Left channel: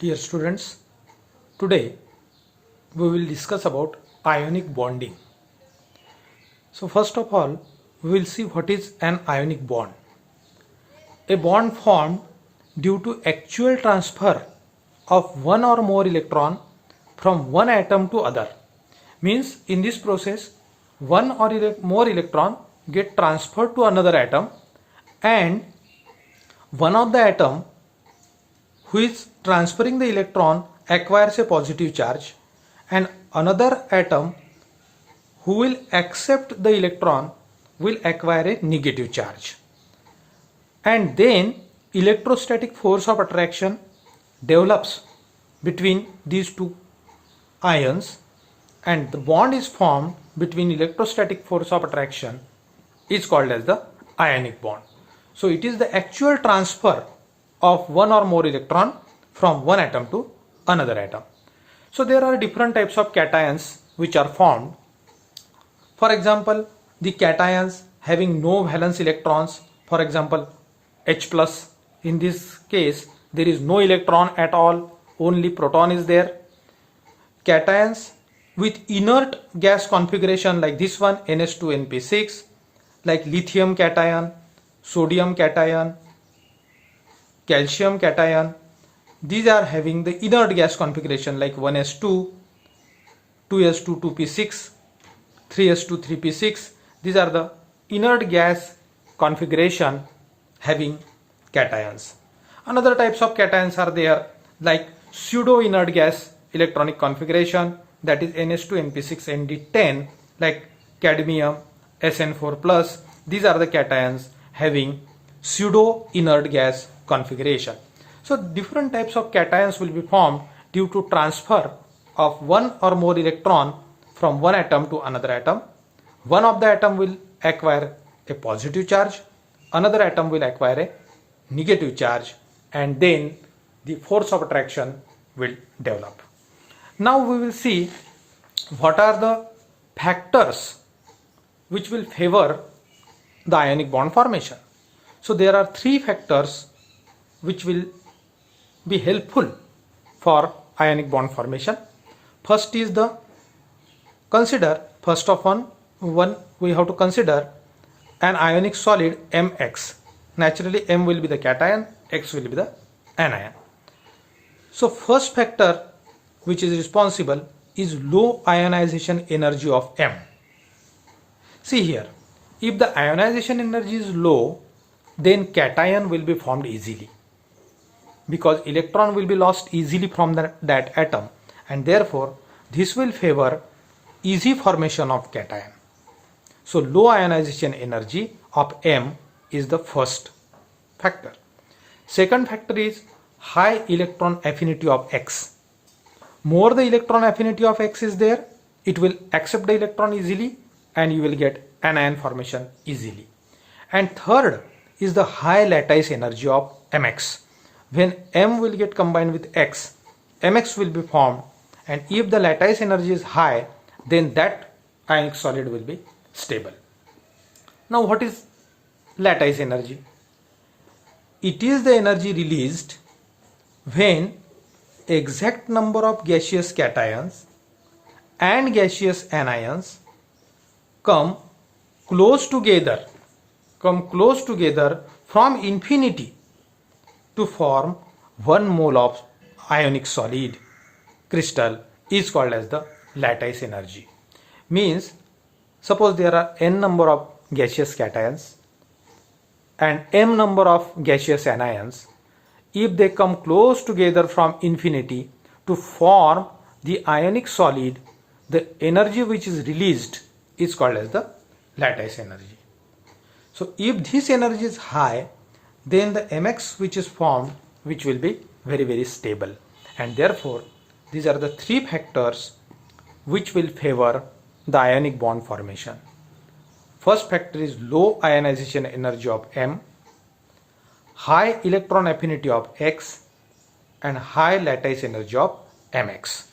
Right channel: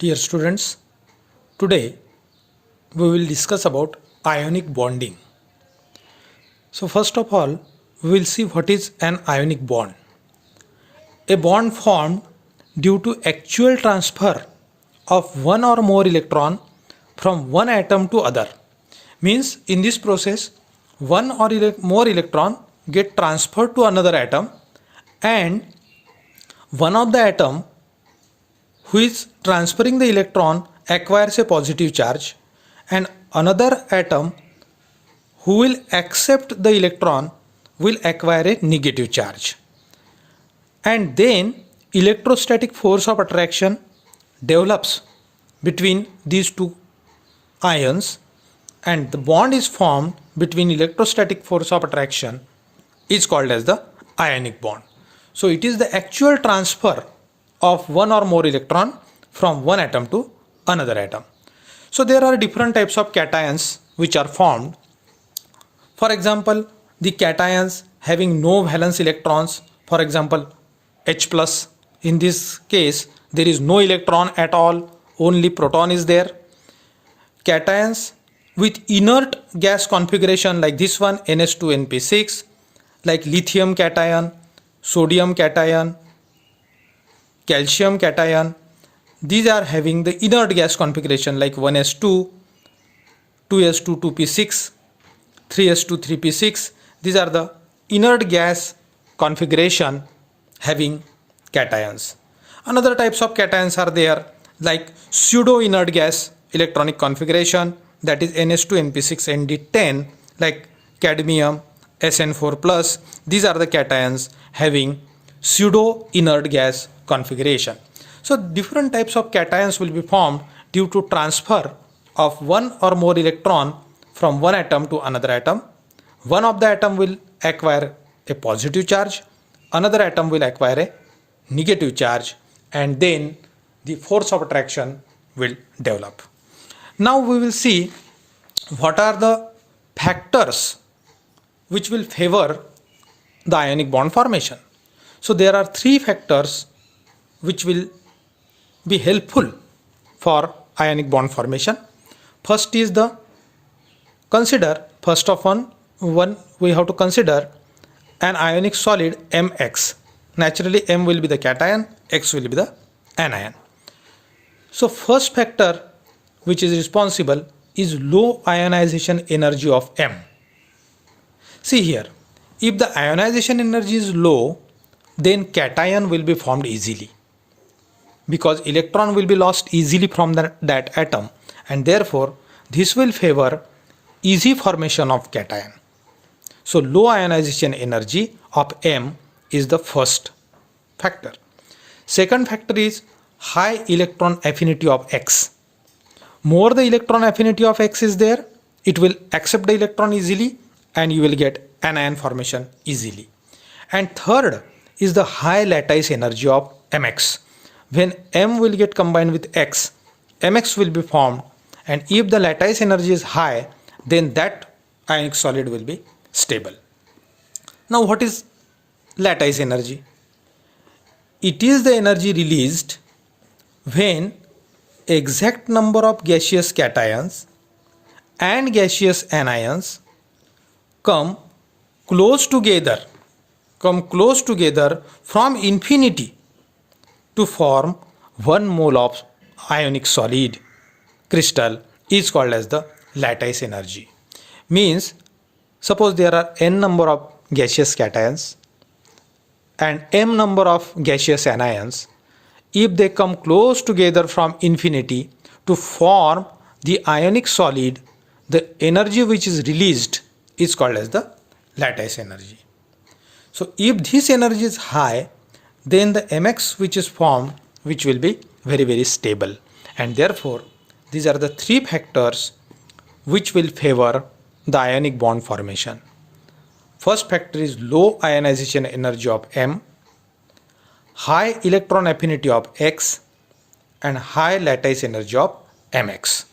Dear students, today we will discuss about ionic bonding. So first of all, we will see what is an ionic bond. A bond formed due to actual transfer of one or more electron from one atom to other. Means in this process, one or more electron get transferred to another atom, and one of the atom who is transferring the electron acquires a positive charge, and another atom who will accept the electron will acquire a negative charge. And then electrostatic force of attraction develops between these two ions, and the bond is formed between electrostatic force of attraction is called as the ionic bond. So it is the actual transfer of one or more electron from one atom to another atom. So there are different types of cations which are formed. For example, the cations having no valence electrons, for example H plus, in this case there is no electron at all, only proton is there. Cations with inert gas configuration like this one, NH2NP6, like lithium cation, sodium cation, calcium cation, these are having the inert gas configuration like 1s2, 2s2, 2p6, 3s2, 3p6. These are the inert gas configuration having cations. Another types of cations are there like pseudo inert gas electronic configuration, that is NH2NP6ND10, like cadmium, SN4 plus. These are the cations having pseudo inert gas configuration. So different types of cations will be formed due to transfer of one or more electron from one atom to another atom. One of the atom will acquire a positive charge, another atom will acquire a negative charge, and then the force of attraction will develop. Now we will see what are the factors which will favor the ionic bond formation. So there are three factors which will be helpful for ionic bond formation. First is the first of one we have to consider an ionic solid Mx. Naturally M will be the cation, X will be the anion. So first factor which is responsible is low ionization energy of M. See here, if the ionization energy is low, then cation will be formed easily, because electron will be lost easily from that atom, and therefore this will favor easy formation of cation. So low ionization energy of M is the first factor. Second factor is high electron affinity of X. More the electron affinity of X is there, it will accept the electron easily and you will get anion formation easily. And third is the high lattice energy of Mx. When M will get combined with X, Mx will be formed, and if the lattice energy is high, then that ionic solid will be stable. Now what is lattice energy? It is the energy released when exact number of gaseous cations and gaseous anions come close together from infinity to form 1 mole of ionic solid crystal is called as the lattice energy. Means suppose there are n number of gaseous cations and m number of gaseous anions. If they come close together from infinity to form the ionic solid, the energy which is released is called as the lattice energy. So if this energy is high, then the Mx which is formed, which will be very, very stable, and therefore these are the three factors which will favor the ionic bond formation. First factor is low ionization energy of M, high electron affinity of X, and high lattice energy of Mx.